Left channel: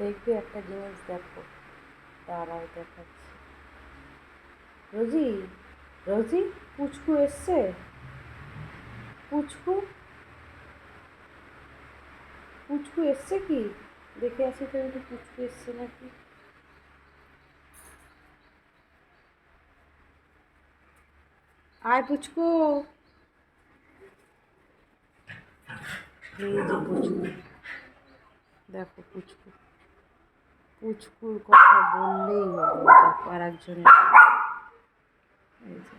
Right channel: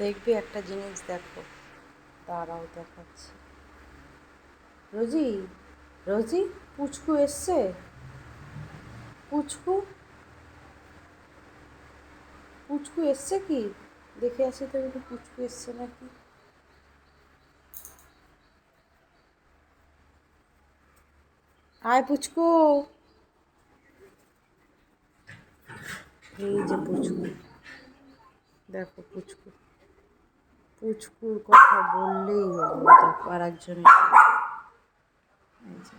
দেখবে একটা জিনিস দেখো, দাঁড়াও দেখাচ্ছি। রোজি, রোজি, পুচকু এসছে। পুচকু, পুচকু এসছে কি? দেখে আসি তো একটু, পুচকু এসছে নাকি। আয় পুচকু, এই যে পুচকু, দেখো পুচকু। পুচকুর কথা বললেই হলো, দেখো আর একজনের। এই যে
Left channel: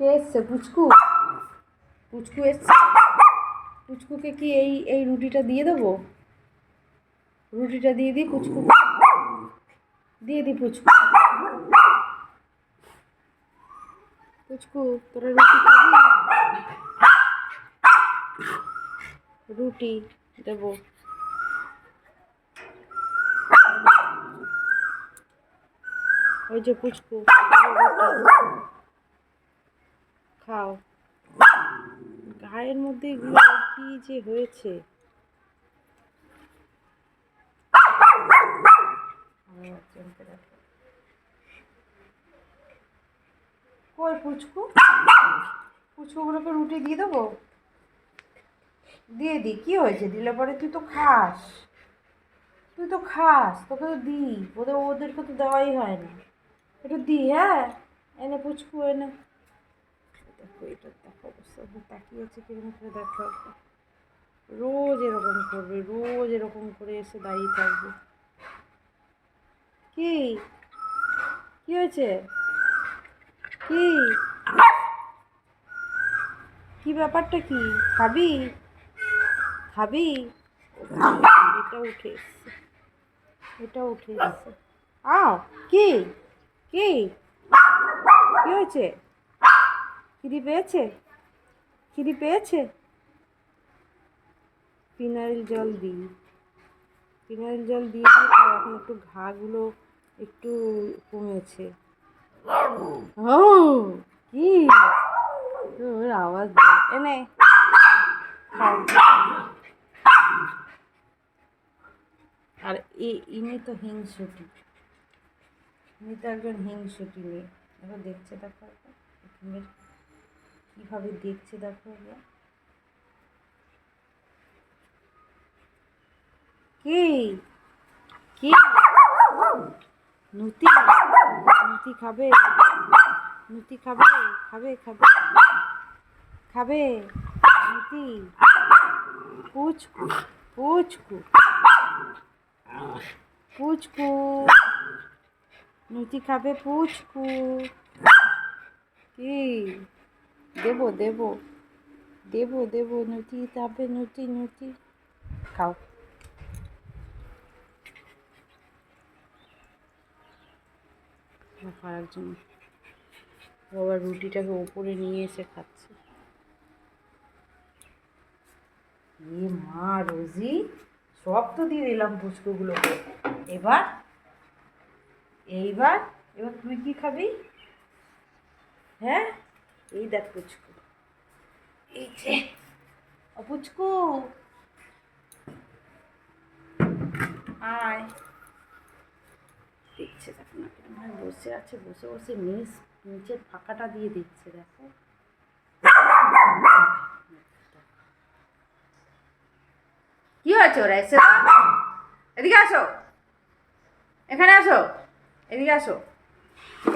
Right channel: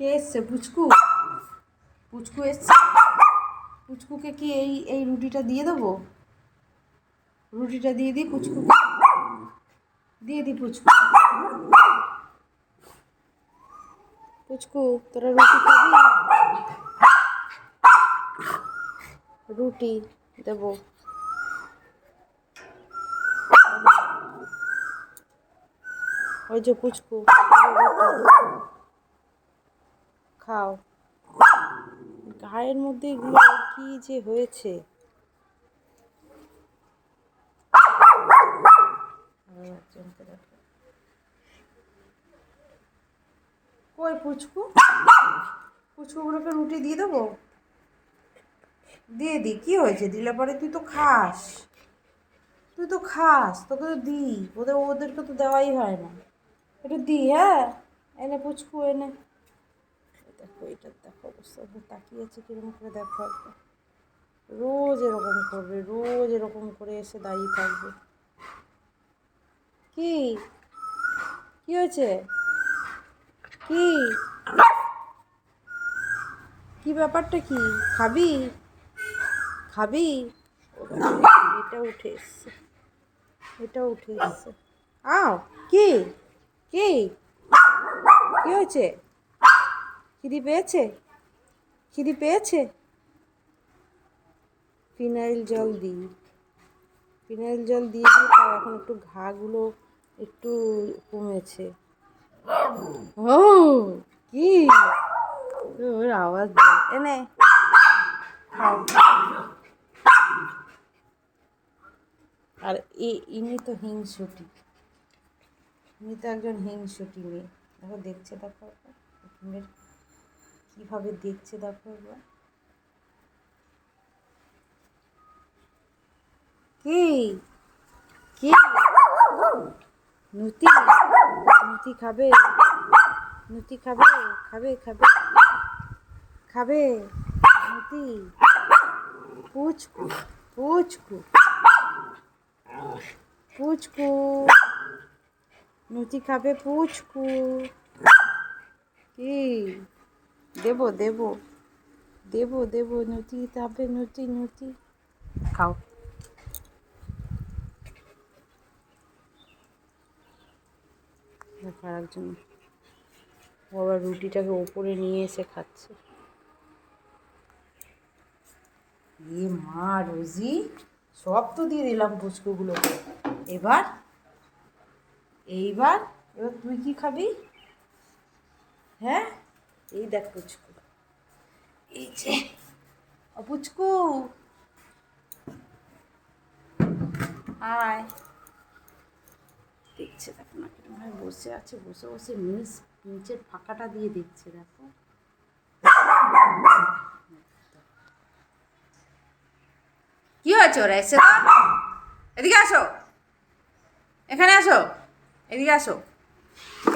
কে এসছে? পুচকু, পুচকু এসছে। পুচকুকে কি এই এই রুটিটা দিয়ে দেবো? রুটিটা দিয়ে দিই পুচকুকে, দিয়ে দিই পুচকু। পুচকু, তোরা রুটি খাবি? রুটি দেবো। ওই যে পুচকু, রুটি খাও। গায়ের মধ্যে এগুলো কি যে হয়েছে। কই পুচকু? পুচকুগুলোকে রুটি দিয়ে দেবো? দিয়ে দিই, কী হয়েছে? দিলে পরে তুই তো খাস, তুই তো খাস, তোকে তো দিই। ওদেরকে তো দেওয়াই হয় না। একটু দিই, হ্যাঁ। এনে পুচকু এনে। দেখো এটা, দেখো অবস্থা, তাকিয়ে আছে কিরকম করে, দেখো একবার। রোজ এরকম করবে, রোজ এরকম করে এসে দাঁড়িয়ে থাকবে। কি কি হয়েছে? কি কি ব্যাপারটা কি? খাবি? খাবি? এটা উঠে এসছে, এটা উঠে এসছে। আও, কি কি কি হয়েছে? খিদি পেয়েছে? খিদি পেয়েছে? ফিনাইল জল দিই, ফিনাইল জল দিয়ে দিয়ে তাও এখন একটু ঘাগুলো একটু কমেছে। ও কি ওর আওয়াজ দেয়। এনে খাও। আর ইনি তো হিংসুটি, ইনি তো একজন হিংসুটি মেয়ে। দেখো দেখছে, দেখো মেয়ের কীভাবে দেখছে, দেখো একবার। কি কি নুতি, নুতি খাবে? নুতি খাবে? খাবে খাবে খাবে নুতি? পুচকু, পুচকু, পুচকু, নুতি খাবে পুচকু? কি দেবো দেবো দেবো দেবো? নুতি খাবে, নুতি নুতি খাও। দেখো আর একজন, ও আবার রুটিটাকে ওপরে নিয়ে এসে খাচ্ছে। এ মা রোজি, সব তো দিয়ে দিলাম পুচকুগুলোকে। এবার এইবার এবার তুই কি খাবি? হ্যাঁ, এই দেখ পুচকু, এই যে পুচকু, আয়। দেখছে দেখো না কিরকম ভাবে বসে আছে, বসে বসে নিচের ফাঁকাটা দিয়ে দেখছে, দেখো। কি হয়েছে? ওরা এসে তো, এদিকে আসো, এখানে আসো, এদিকে আসো।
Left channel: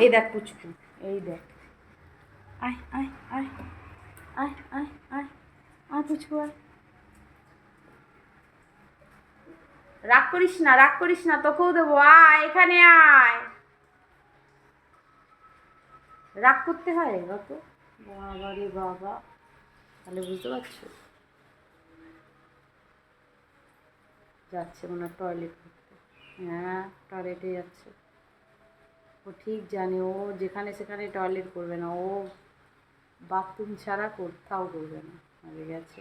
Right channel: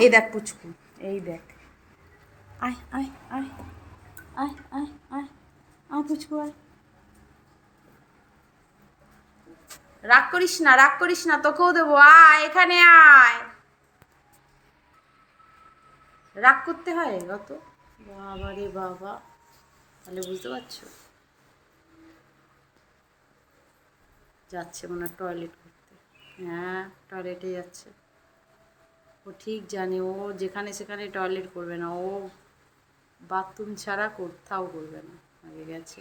এই দেখ পুচকু, এই দেখ। আয় আয় আয় আয় আয় আয় আয় পুচকু, আয়। রাগ করিস না, রাগ করিস না, তোকেও দেবো। আয় এখানে আয়। রাগ করতে হয় অত? বাবা রে বাবা, তাহলে বুঝতে পারছো। যাচ্ছে মনে হয় টয়লেট করতে। হ্যাঁ, টয়লেটে যাচ্ছে। ও ঠিক জানে, ও যেখানে সেখানে টয়লেট করবে না, ও বাথরুম ছাড়া কোথাও করবে না। হয়ে গেছে,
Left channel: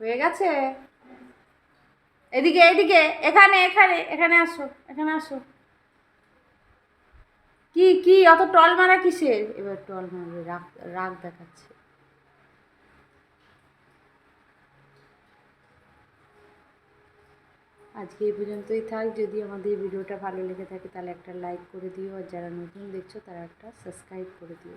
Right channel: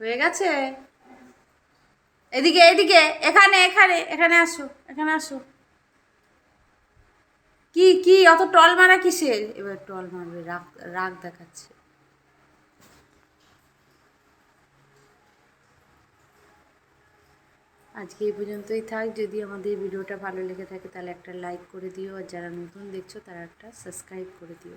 হয়ে গেছে। এদিকে এদিকে, এখানে এখানে এখানে আসো, এখানে আসো। কি কি অত টল মারা কিসের? এবার টল মারবে, রাগ রাগ দেখাচ্ছে। আজকে এই পর্যন্তই থাক। যদি আমাদের ভিডিওটা ভালো লেগে থাকে তাহলে একটা লাইক করে দিও, আর যারা নতুন দেখছো তারা একটা সাবস্ক্রাইব করে দিও।